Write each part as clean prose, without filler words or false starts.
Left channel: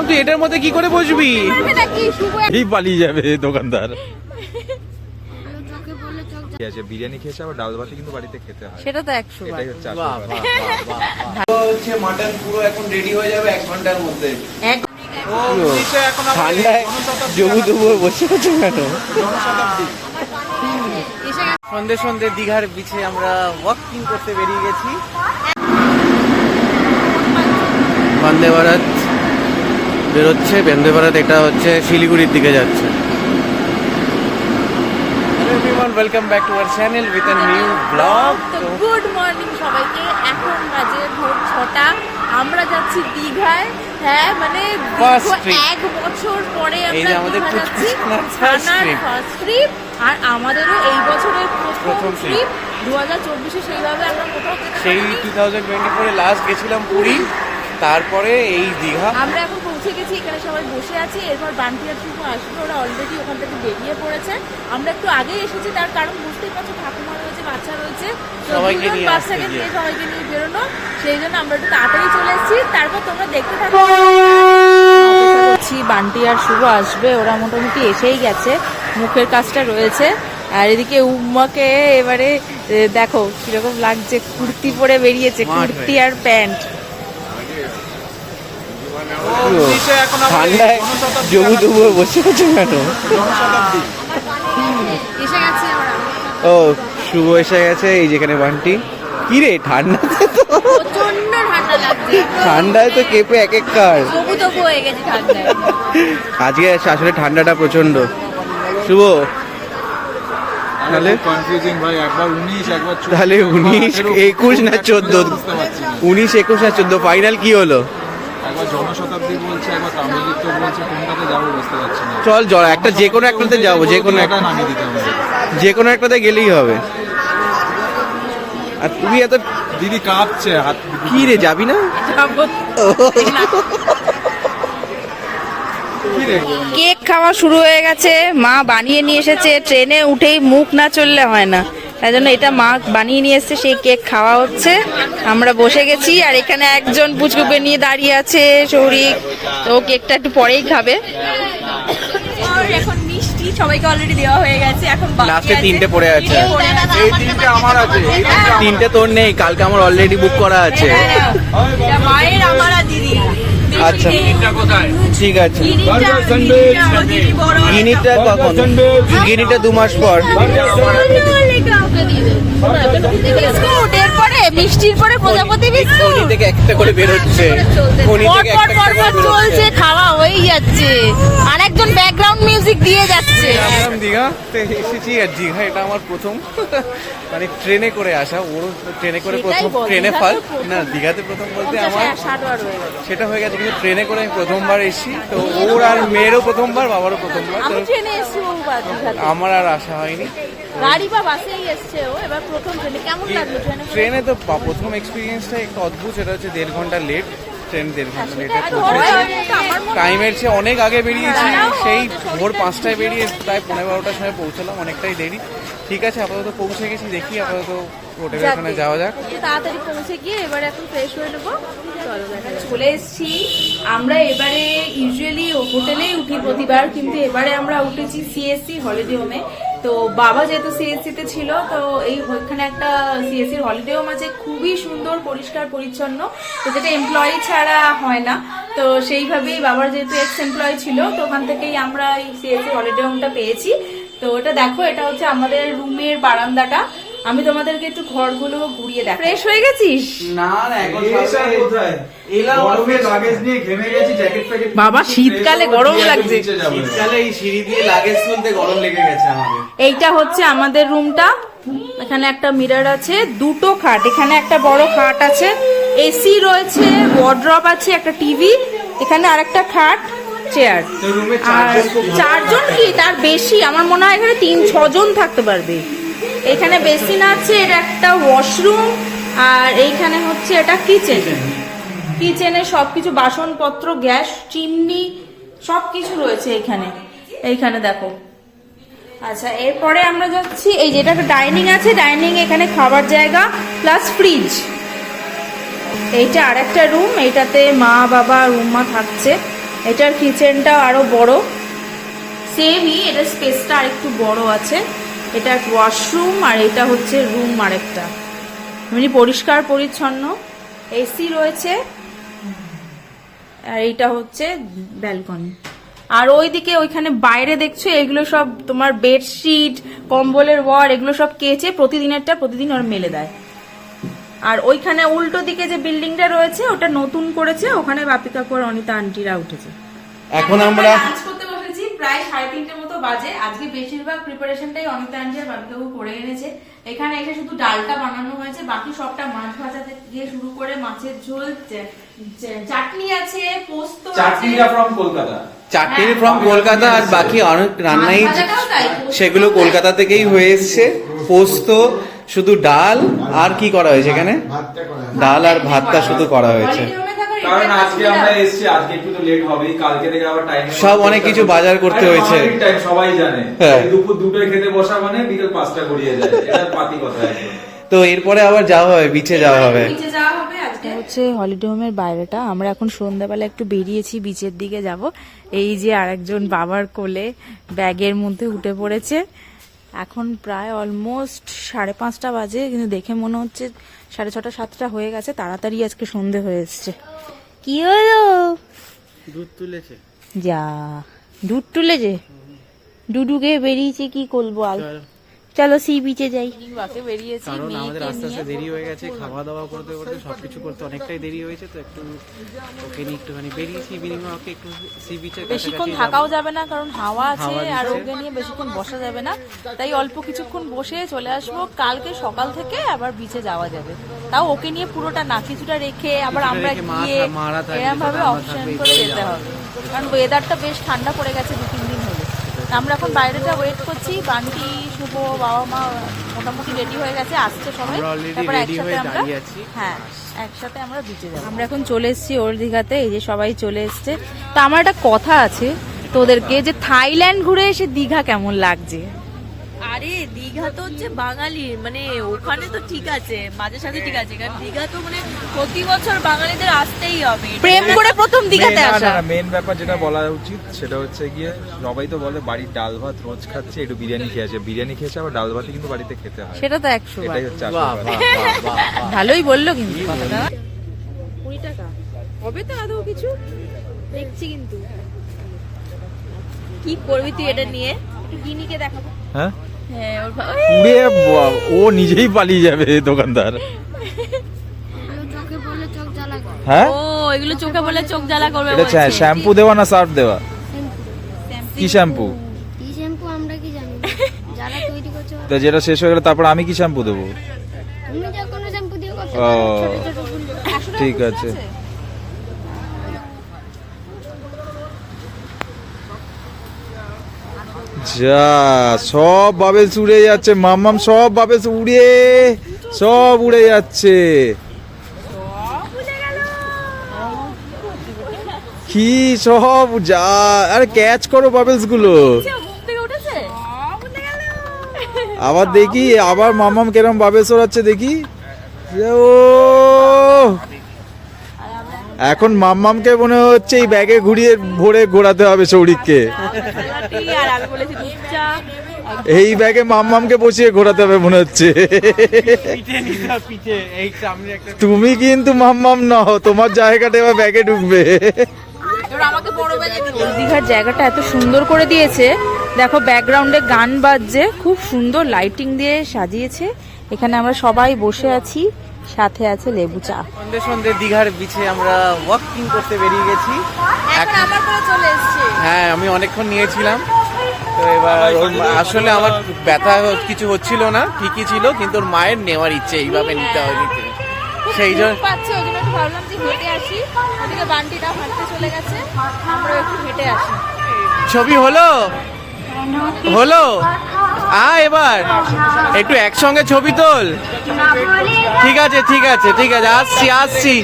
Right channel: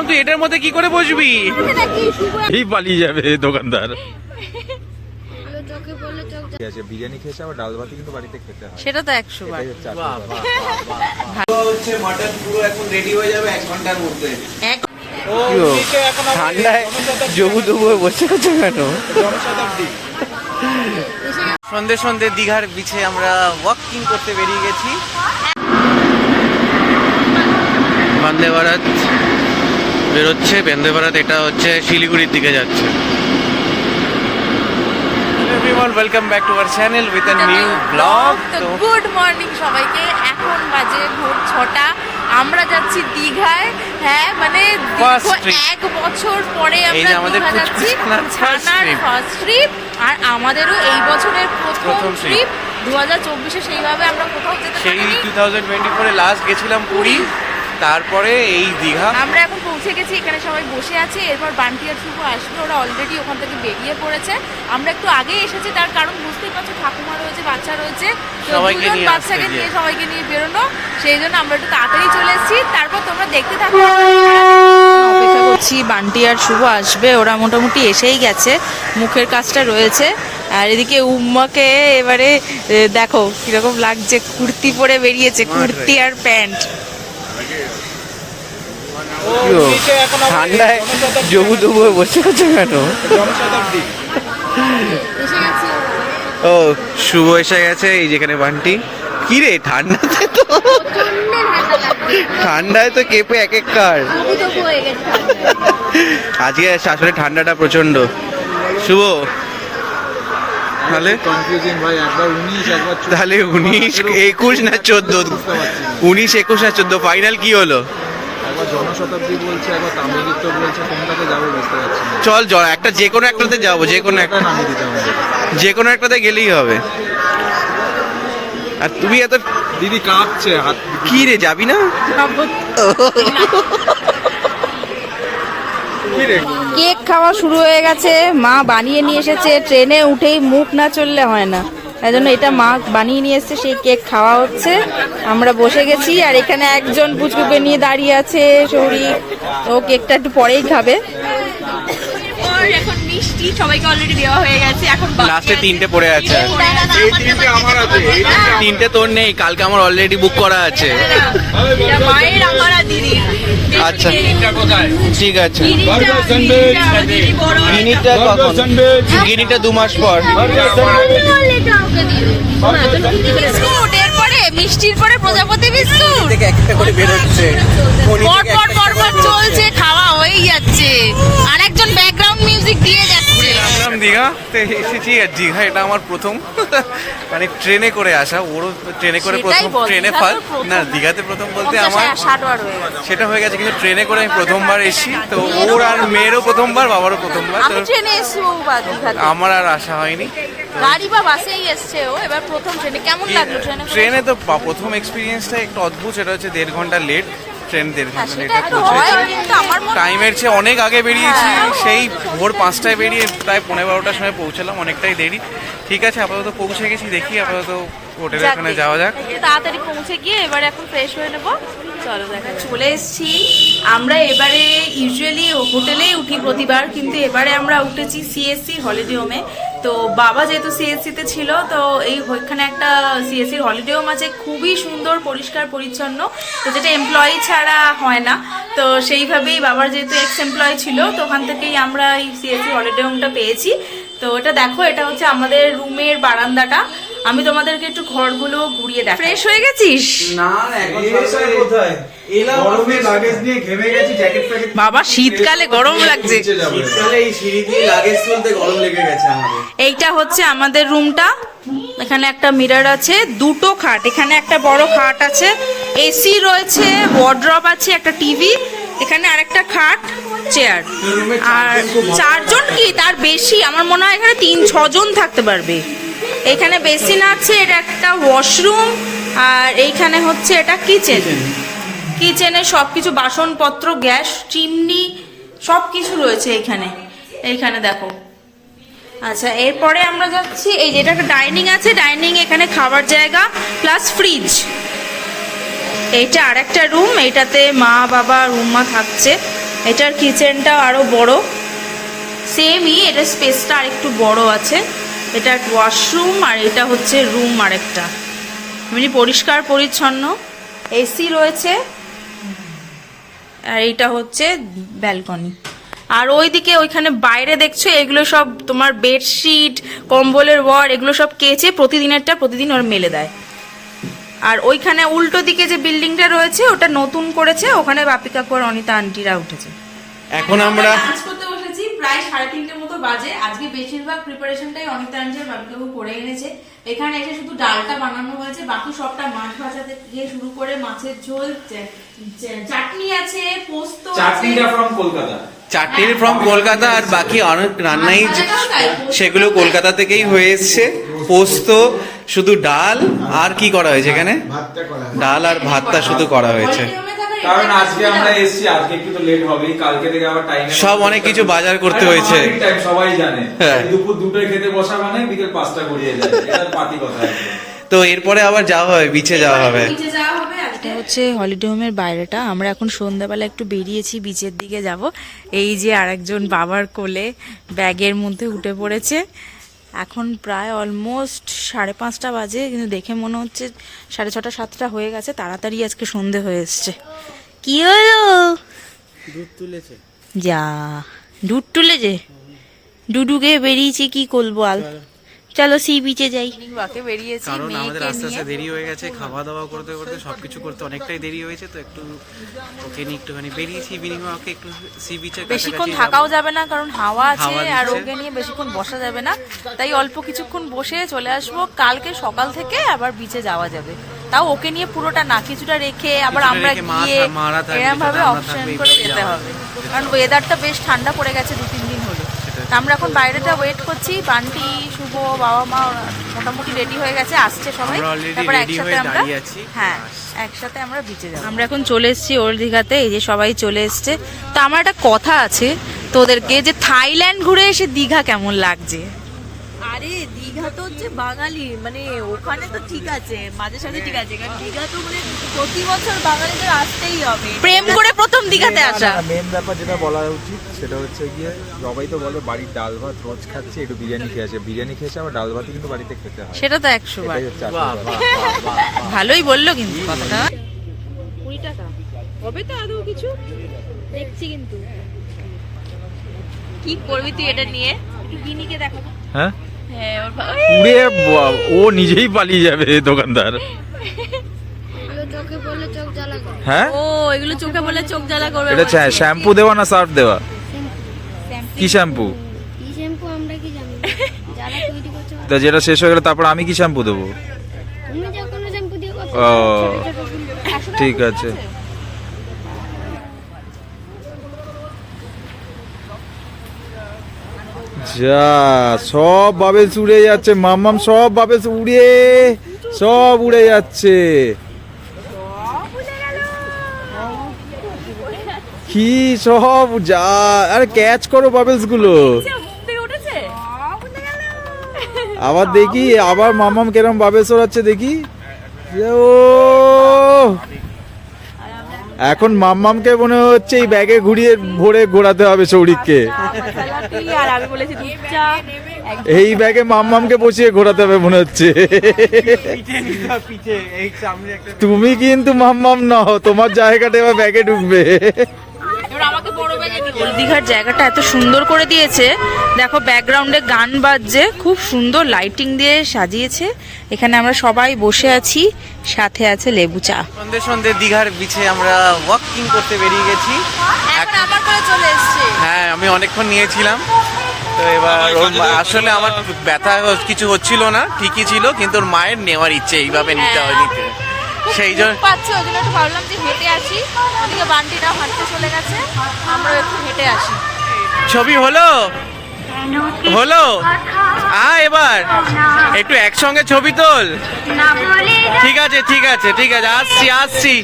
মামা তুই এটার মধ্যে কি করে বসবি? এই পালিয়ে যাবে দোকানদার। বিরিয়ানি খেয়েছে আবার ডাল ভাতি কিন্তু বাড়িতে খেতে হয়, সেটা তো 100 বার। হচ্ছে মাটন পুরো এখন রেডি হয়ে যাবে 1 ঘন্টার মধ্যে। ঠান্ডায় জবু জবু বসে আছে কেন? সন্ধে সন্ধে দীঘার বিচে আমরা ওয়াকিং করতে বেরিয়ে গেছি। বন্দে ভারত বেরোচ্ছে, বন্দে ভারত এটা হচ্ছে শিলিগুড়ির দিকে যাচ্ছে। everyone, welcome back to our channel with a new vlog. তো গুড মর্নিং সবাইকে। এখন বাজে ভোর 6টা। আমরা যাচ্ছি দীঘায়। হ্যাঁ মানে 1 বছর পরে আমরা দীঘা যাচ্ছি, ছানার ফার্স্ট ট্রিপ। আর আমাদেরও এই বছরের প্রথম ট্রিপ। 2024-এ সেইভাবে আমরা কোথাও যেতে পারিনি। সেই 2024-এ লাস্ট গেছিলাম পুরী, তারপরে এই দীঘা। আমরা এখন পৌঁছে গেছি, এখানে সবাই বসে আছে। এরপর বান্টি আর শুভ আসবে, ওরা অলরেডি ওখান থেকে বেরিয়ে পড়েছে। আমরা একটু আগে এসেছি, তার কারণ বুঝতেই পারছো ঠাকুমা রয়েছে, বাচ্চা রয়েছে, বাচ্চাকে নিয়ে সবাইকে নিয়ে বেরোনো, সেই জন্য আমরা একটু তাড়াতাড়ি চলে এসেছি। তারপর তোমরা দেখতে থাকো। অপেক্ষা করছি বান্টি আর শুভ আসবে, ওরা মোটামুটি এসেই গেছে, মুখের কাজটা রয়েছে। আর এদিকে উম্মাকে এবারে দেখো কিরকম লাগছে, কুর্তি পরে বেরিয়েছে, কুর্তি আর প্যান্ট। ঠান্ডায় জবু জবু বসে আছে কেন? ও শুভ এসে গেছে, এই যেখানে বান্টি। কি রে ঠান্ডাতে তো, ঠান্ডায় তো কেঁপে এক এক কার। আজকে আসলে ঠান্ডাটা প্রচন্ড। শুভ তাহলে 19, 21 না 14? 19, 21 না 14 ফাইনাল কি হলো? জনশতাব্দী বলছে, একবার তামিলিত্ব বলছে, কোনটাতে যাবো বুঝতে পারছি না। চল একটা যে কোনো একটাতে যাবো, যে কোনো একটা নামিয়ে দিতে আমাদের, যে কোনো একটাতে গেলেই হবে। আর তুমি এত দিদি কাঁপছে হাত। কি রে যাবি না? কেক খাওয়া শুরু হয়ে গেছে, মা বানিয়ে নিয়ে এসেছে। ট্রেনে উঠেই মুখ না চললে হয় না, তাই জন্য এটা মা বানিয়ে নিয়ে এসছে, সেই কেক খাওয়া হচ্ছে। আমরা বসে গেছি, আর এখানে একজন পুচকুকে নিয়ে দাঁড়িয়ে আছে শৌরিক, ও কেকটা একটু পরেই খাবে। এখন মিষ্টি সবাইকে অলরেডি দেওয়া হয়ে গেছে, এখন লাস্টে 3টে পড়ে আছে। এই 3টে আমার আছে, 3টে তোর নেই, কালকে আমার অলরেডি বুক করা আছে। মায়ের, আমার আর দিদি। আচ্ছা ঠিক আছে। গিনিটা কখন? গিনিটা 2 মাস পর। বিস্কুট, এরপরে মিষ্টির পরে প্রজাপতি বিস্কুট থেকে একটা করে বের হচ্ছে, পর চলছে, খাওয়া হয়েই যাচ্ছে, আর একজন ব্যাকগ্রাউন্ড মিউজিক দিয়ে যাচ্ছে। আমরা দীঘাতে এসেছি, আর দীঘা এটা আমার প্রথম মানে ট্রেনে করে আসা। ওরও ট্রেনে করে প্রথম, ট্রেনে ফার্স্ট না, দীঘাতে প্রথম বলতে আমার সেটা হয়ে গেছে, কিন্তু ট্রেনে করে আমি প্রথমবার এসেছি। তো ওর আর মেয়েরও প্রথমবার, বাবারও প্রথমবার। আমার আর আসা হয়নি, গাড়ি বা বাসেই এসছে ও। এবার প্রথম ট্রেনে কেমন লাগলো? ট্রেনে তো প্রথম এক্সপিরিয়েন্সটা একটু অদ্ভুত, সেটা হচ্ছে 1.5 ঘন্টা লেট। ট্রেন 1.5 ঘন্টা লেটে পৌঁছেছি, টাইমের চেয়ে অনেক আগে বেরিয়েছি। সেই ভোর 5টায় বেরিয়ে প্রায় 11:30টার সময় পৌঁছালাম, অনেকটাই দেরি। ঠিক আছে, আপাতত পৌঁছে গেছি, দেখি আপাতত হোটেলের ওখানে যাওয়া যাক। তাড়াতাড়ি পৌঁছে গিয়ে এবারে এখন ফ্রেশ হয়ে নেবো। চলো দেখা, চলে এসেছি আমরা। এবারে ইউজুয়ালি হোটেলেই উঠি প্রতিবার, কিন্তু এবারে আমরা উঠেছি সিএসসি হলিডে হোমে। তো বাবা যেহেতু সিএসসিতে ছিল, তো এই ওইখানে একটা সিএসসির হলিডে হোম আছে, খুবই সুন্দর, পরিষ্কার পরিচ্ছন্ন, তো যেটা এমপ্লয়ি ছাড়া হয় না। তো সেইভাবেই বাবার যেহেতু এক্স এমপ্লয়ি ছিল, তো ওখান থেকেই আমরা এই সিএসসি হলিডে হোমটা পেয়েছি। তো এটা দেখো, এটা হচ্ছে আমাদের রুমের বারান্দাটা। আমি তোমাদেরকে একটু ঘরগুলো ঘুরিয়ে দেখ। ফ্রেশ হয়ে গেছিস? বাবা শীতকালে গরম লাগছে, এইটা হচ্ছে আমাদের রুমটা। এখানে একটা মিরর আছে, 2টো খাট, এখানে একটা বড় খাট আছে, এসি রয়েছে, ওয়ার্ড্রপ আছে, একটা টিভি, এখানে আরেকটা খাট, চেয়ার। আর 4 জন কি তার বেশি, আমার মনে হয় এখানে 3-6 জন থাকতে পারবে। এখানে বেসিন আছে, এটা একটা ওয়াশরুম, আর এইখানে হচ্ছে এটা কিচেন। কিচেনে সবকিছু বাসনপত্র, গ্যাস, চিমনি সবকিছু রয়েছে এইখানে। এইখানে দেখো। আচ্ছা, এরপরে আমরা যাচ্ছি, এই যেটা একটা ডাইনিং আছে, ডাইনিং এখানে খাবার জায়গা প্লাস ফ্রিজ। এইটা আরেকটা রুম, এইটাতে মা বাবা রুমমা থাকছে। এটার কিচেনটা আরো বড়, সেমই, এটা স্পেসটা আর একটু বড় আছে। এটা ওয়াশরুম আর এটা হচ্ছে রুম আরেকটা, এমনি পরিষ্কার পরিচ্ছন্ন। এসি রয়েছে আর এইটা হচ্ছে ব্যালকনি। আর ওইদিকে ওইখানে বাইরে দেখছো এগুলো সব তোমার বেডশিট, কম্বলের ওয়ার, এগুলো সব কেচে প্রতিদিনেরটা প্রতিদিন ওর মেলে দেয়। আর ওইখানে উল্টো দিকে যে বিল্ডিংটা রয়েছে ওটা নতুন করেছে, ওখানে বাপি কাকু আর অনিতা আন্টিরা উঠেছে। এখন আমরা লাঞ্চ করতে বসেছি, প্রায় 3:30 মতো বাজে। আজকে বেশিরভাগ প্রিপারেশনটাই অনিতা আন্টি আর বাপি কাকু করে এনেছে। এখানে এসে শুধু ডালটা বানানো হয়েছে, বাকি সবটা মাছ ভাজা থেকে শুরু করে মাছের ঝোল, চাটনি আছে, পোস্ত আছে। চাটনিটা ফ্রম কলকাতা। চাটনির ফ্রম কলকাতা, আর বাকি অনেক রান্নাই সেগুলো কলকাতা থেকেই হয়ে এসছে। পোস্ত, শুধু ডাল আর কি করা হয়েছে এখানে, ডাল আর ভাতটা শুধু করা হয়েছে। কারণ আজকে আমরা এসেছি, আজকে একটু তো লেট হবেই, কালকে থেকে আবার টাইম সব অনেক কিছু বাজার করতে হয়েছে। টাইম সবাই জানে, হ্যাঁ। দুপুর 2টায় খেতে বসা মানে বিকেল 5টা গড়িয়ে যায়, এটা পাতি কথা একদম। তো এরপরে আবার যাওয়া হবে, বিচে যাওয়া হবে। এটা হচ্ছে হলিডে হোমের বাইরেটা। আমরা এখন সন্ধ্যাবেলা একটু বেরিয়েছি বিচের দিকে যাব। এই যে আরেকজন বাবার কোলে ব্যাগের মধ্যে উঠে পড়েছে। এখন প্রায় অলমোস্ট 5:30 বাজে, কিন্তু দেখে মনে হচ্ছে 6:30 7টা হয়ে গেছে। তাড়াতাড়ি আজকে সন্ধে হয়ে এসছে। কি হলো? দুধ তুলেছে। যা দুধ তুলেছে, ডুডুকে বেরিয়েছি কি করবো আল। চলো সি বিচে যাই। বেরিয়েছি কারণ আমাদের আস্তে আস্তে দেরি হয়ে গেছে, খাওয়া দাওয়া করতে করতে সবকিছু করতে অনেকটাই দেরি হয়েছে। তো একটু ওকে নিয়ে একটুখানি বেরিয়েছি, ইভিনিং ওকে একটু সি বিচের বেশিক্ষণ কাছাকাছি থাকাও যাবে না, কারণ হাওয়া আছে হাওয়া আর দিচ্ছে। ওকে নিয়ে বেশিক্ষণ বসা যাবে না। তাই অল্প কিছুক্ষণ বসে চলে আসবো। কালকে সকাল থেকে আবার বিচে যাওয়া যাবে, তাও ওকে নিয়ে পুরোটা না, কিছুটা রেখে আবার কিছুটা আমরা রেখে মা গিয়ে মারা থাকবে, এরকম ভাবে কিছুটা আমরা অপশন থাকবো, করে এইভাবেই যেতে যাওয়া হবে। কারণ ওয়েদারটা বেশ ঠান্ডা পড়ে গেছে 2-3 দিন হলো। আমরা এখন বাইরেটা ওয়েট করছি। বান্টি, শুভ, বাবা মা ওরা মোটামুটি রেডি হয়ে গেছে, আসছে সবাই। আমরা already তারপর ready একসাথে হয়ে আমরা, দাঁড়িয়ে আছি। হ্যাঁ একসাথে আমরা বিচে যাবো। আমরা এখন চলে এসেছি ওল্ড দীঘাতে। এই যে সবাই চলে এসছে। তো আমার একটা কথা আছে তোদেরকে, যে থাইল্যান্ড ঘুরে এসে দীঘা কেমন লাগছে? আরে দীঘা তো হচ্ছে বাঙালি, মানে ওখানে তো ঠিক আছে, মাঝে সাথে ঠিক আছে, কারণ দীঘা তো মানে প্রতি বছর বাঙালিদের আসতেই হবে। প্রেম করে প্রথম দীঘাতে আসা। মেন ব্যাপার যেটা বলা উচিত সেটা হচ্ছে গিয়ে, সবাই তো বলে বাড়ির ডাল ভাত রোজ খাচ্ছে, একটু বিরিয়ানি খেয়েছে, বিরিয়ানি খেয়েছে, আবার ডাল ভাতই কিন্তু বাড়িতে খেতে হয়। সেটা তো 100 বার। এটাই হচ্ছে আসল কথা। ভালোই বললো কিন্তু কথাটা। 20 টাকা হবে তো আদৌ কিছু? দেখছি কিন্তু কি করবি তুই এটা নিয়ে? একটু গিনিকে দেখাবো। হ্যাঁ, হ্যাঁ ওর পুরে ও নিজেই পালিয়ে যাবে দোকানদার। হ্যাঁ, ও এগুলো চোখে বলে চোখ জ্বালা করবে। এটা শ্যাম্পু দেওয়া না সার্ফ দেওয়া? কি শ্যাম্পু? কি শ্যাম্পু আমরা কি জানি, যারা তৈরি করছে তা যেটা শেষ হয়ে গেলে তারপর আমি কি শ্যাম্পু দেবো? তুমি যখন শ্যাম্পু দিয়ে করছো ও ছোট ছোট ফুল। ঠিক আছে। যা সব বাবেলস উড়ে যাচ্ছে, মাম্মাম সব বাবেলস সব উড়ে যাচ্ছে। কি সব যা, আরে ক্যাচ করো বাবেলস গুলো। আবার দেখি, আবার মাম্মাম কেরম বাবেলস ওড়াচ্ছে দেখি। ও এখন মাম্মামকে মনে হচ্ছে এই ব্যাগে ঘুরিয়ে ভরে ঘোরাতে হবে সৌরিককে। আর আমি বলেছি চুপচাপ। এই ব্যাগে মাম্মামকে বসিয়ে ঘোরাতে হবে মনে হচ্ছে। তুমি কিন্তু মাম্মাম নও, তোমার জায়গাটা এবার ব্যাগে ঢুকবে। ওল্ড দীঘার জায়গাটা এত সুন্দর করে দিয়েছে, দেখো ব্যাকগ্রাউন্ডে গান বাজছে, খুব সুন্দর লাইটিং দিয়ে সাজিয়েছে। এখানে আমরা সবাই বসে আছি, সাথে আছে লেবু চা। সন্ধে সন্ধে দীঘার বিচে আমরা ওয়াকিং করতে বেরিয়ে গেছি। এখন আমার করে চলে এসেছে। হ্যাঁ, আমি অনেকক্ষণ নিয়েছিলাম। তো এবার ওর আসলে আমার ব্যথা কিছু হচ্ছিল না, ঠিকই ছিল, কিন্তু ওর মায়ের নেওয়ার ইচ্ছে, এইভাবে নিতে হয় নিতে। সেই জন্য পাচ্ছি, ওই জন্য একটু ভাবলাম যে হেঁটে আসি। ওদিকে বান্টিটাও হাঁটতে চলে গেছে, আমরাও একটু হেঁটে আসি। ছবি হলো হলো এবার একটু একসঙ্গে ছবি তোল। ঠিক আছে ঠিক আছে ঠিক আছে, আসছি আসছি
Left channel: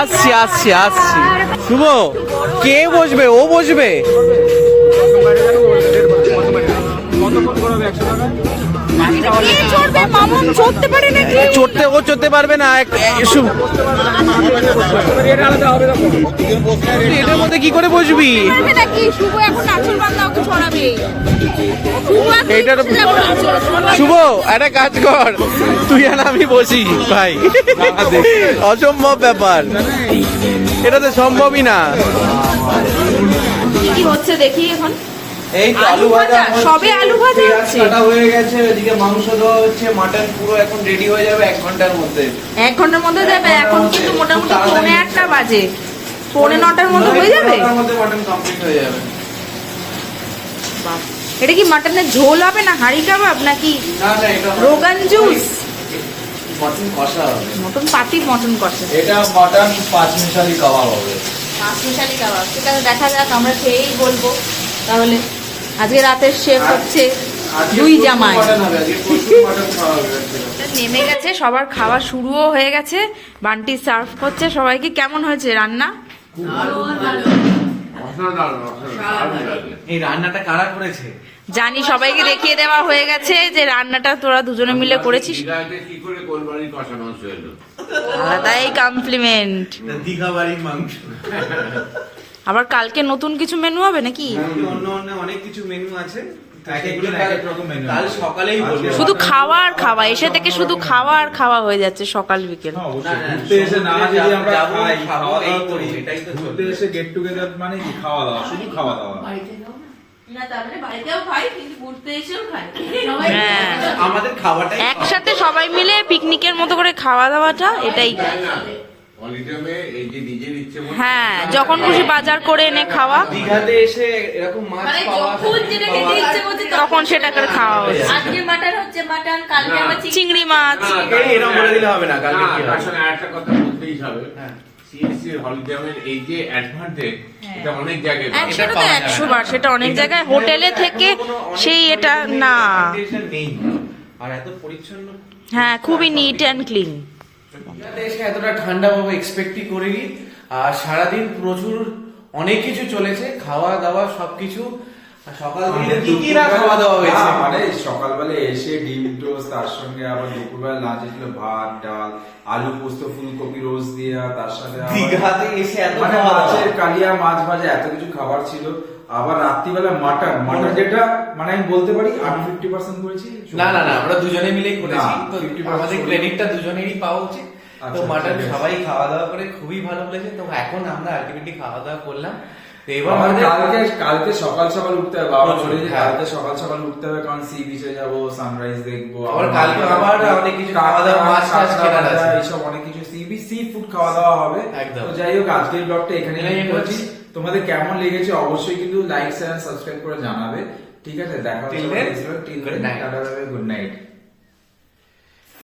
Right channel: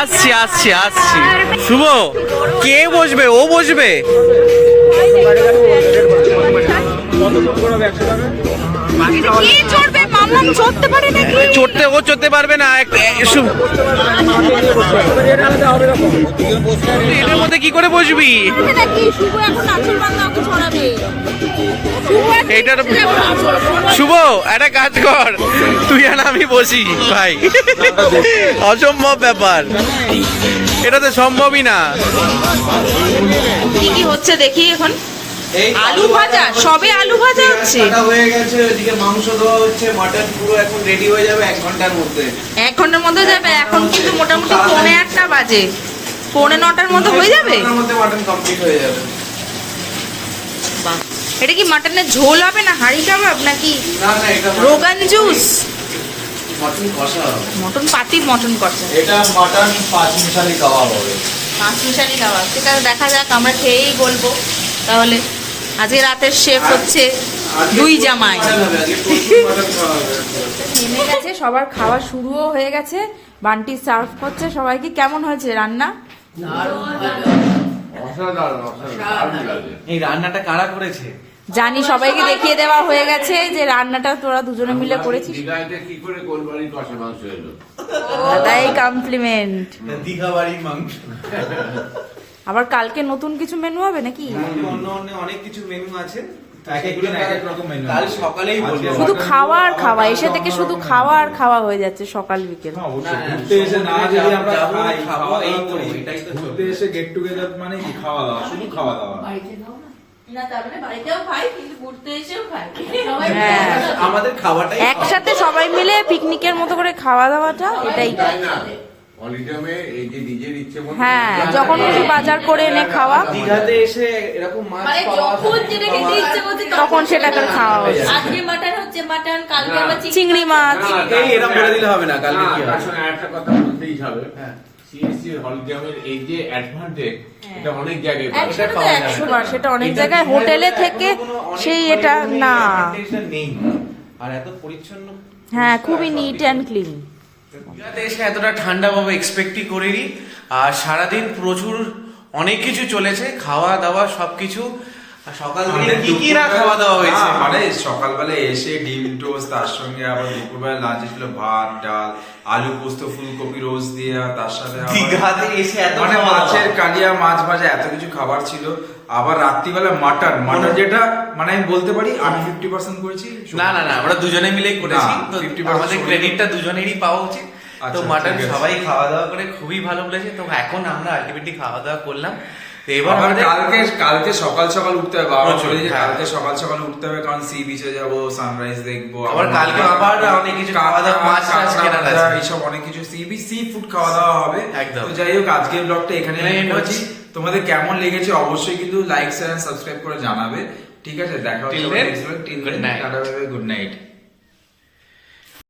আসছি আসছি আসছি। শুভ, কে বসবে? ও বসবে? চড়তে ও চড়তে পারবে না এটার মধ্যে কি করে বসবি? এইটার শুভ একটা কাজ কর, তুই আর আমি বসি ভাই, অসম্ভব ব্যাপার, এটা তো সম্ভবই না। কি কি হচ্ছে দেখি এখন। আলু ভাজা, সবে আলু ভাজা হচ্ছে। হয়ে গেছে, ওদিকে মাংস দেওয়া হচ্ছে, মাটন পুরো এখন রেডি হয়ে যাবে 1 ঘন্টার মধ্যে। 1 ঘন্টার মধ্যে যাবে? এখন কিন্তু মোটামুটি 8:45 বাজে, 8:45 মধ্যে হয়ে যাবে। মাটন কমপ্লিট হয়ে যাবে। এটা কি মাটনের ঝোল হবে না হাঁড়ি কাবাব নাকি না না, এটা রোগান জুস? মটন কষা হবে। মটন পাটি, মটন কষা, এটা মাটন 5 মিশালি কাবাব হবে। 5 মিশালি কাবাব। ঠিক আছে, দেখা যাক, আমরা খেয়েই বলবো। তাহলে আজকে রাতের শেফ হচ্ছে দুই জামাই। নেমে গেছে, সবার খাওয়া শুরুও হয়ে গেছে, বান্টি সার্ভ করছে সবাইকে। কেমন হয়েছে রান্না? এই রান্নাটা কারা করেছে? জানি, সবাইকে দেখিয়ে দেওয়া হয়ে গেছে যে রান্নাটা তোরা দুজনে মিলে করেছিস। আলাদাই কমপ্লিমেন্ট। দীঘা বাড়ির মাংস। আবার কালকে নতুন কিছু মেনু হবে নাকি? অন্য অন্য অনেক কিছু মেনু আছে, এক এক রকম মেনু। কাল সকালেই বলবো। শুধু খাওয়া আর খাওয়া, এসে থেকে শুধু খাওয়া আর খাওয়া হয়ে যাচ্ছে সকাল বিকেল। অবশ্যই ঘুরতে এসে না যদি আমরা খাই, খাবো এই করি, এটাই তো ঘুরতে এসে গেট টুগেদার মানে কি খাওয়া দাওয়া, শুধু খাওয়া দাওয়া। হ্যাঁ, আমাদের খাওয়াটাই একসাথে সবাই মিলে পিকনিকের মতো করে খাওয়া দাওয়াটা এটাই। হ্যাঁ, যখন খুশি বাজার করে এনে খাওয়া, দীঘাতে এসে এরকম মাছ পাওয়া, তখন সেটা করে খাওয়া হচ্ছে। আজকে মাটন হচ্ছে মাটন, কালকে আবার চিংড়ি মাছ। এরকম বলে দিলে হবে না, কালকে কি হবে? আসলে একটা কথা বলতেই হবে, সিএসসি হলিডেমের এই যে অ্যাডভান্টেজ, এটা অনেক জায়গায় পাওয়া যায়। সেটা তো 100 বার, সেটা অনেক জায়গায় হোটেলে থেকে সেই এটা না। নেই আর এত পরিচ্ছন্ন। হ্যাঁ, খুবই নিট অ্যান্ড ক্লিন। দীঘাতে এসে এতটা ঠান্ডা ভাবে এক্সপেক্টই করিনি। আর সারাদিন প্রচুর অনেক কিছু চলেছে, খাওয়া দাওয়া সবকিছু। আর সকাল থেকে কি কি না খাওয়া দাওয়া হয়েছে। মানে সকালবেলা এসে ডিম টোস্ট, তার সঙ্গে আবার দুপুরবেলা লাঞ্চে ছিল ভাত, ডাল, আলু পোস্ত, ফুলকপি রোজ দিয়ে, আর তার সাথে আবার দীঘাতে এসে এত মানে খাওয়া দাওয়া। মাছের কালিয়া, মাছ ভাজা, এত কিছু খাবার ছিল। আবার রাত্রিবেলা মাটন, যেটা মানে আমি বলতে পারি আমি 50% করেছি। না না না, আমরা দুজনে মিলেই করেছি, না, তো 50% আমাদের ক্রেডিটটা দুজনেরই পাওয়া উচিত। তো আচ্ছা, মাটন ঠিক আছে। সবাই খাওয়া দাওয়া করে খুবই ভালো লেগেছে। তো এখন আমরা আলটিমেটলি খাওয়া দাওয়া করলাম। তো এবার আবার আমাদের কালকে সকাল সকাল উঠতে হবে, বাবা প্রচুর, বলে যে হ্যাঁ। কালকে সকাল সকাল উঠতে হবে, কারণ সি বিচে যাবো, সানরাইজ দেখবো। আবার কালকে আবার অনেক কিছু খাওয়া দাওয়া, মাছ টাছ কেনার আছে। এইসব অনেক কিছু সি ফুড খাওয়া দাওয়া হবে। একদম। তো যাই হোক, আজকের ব্লগটা এখানে এন্ড করছি। তোমাদের কেমন লেগেছে অবশ্যই কিন্তু লাইক, শেয়ার, সাবস্ক্রাইব করে জানাবে। ঠিক আছে, দেখা হচ্ছে Till then, next blog. Till good দেন, night. Tata, bye bye, good night.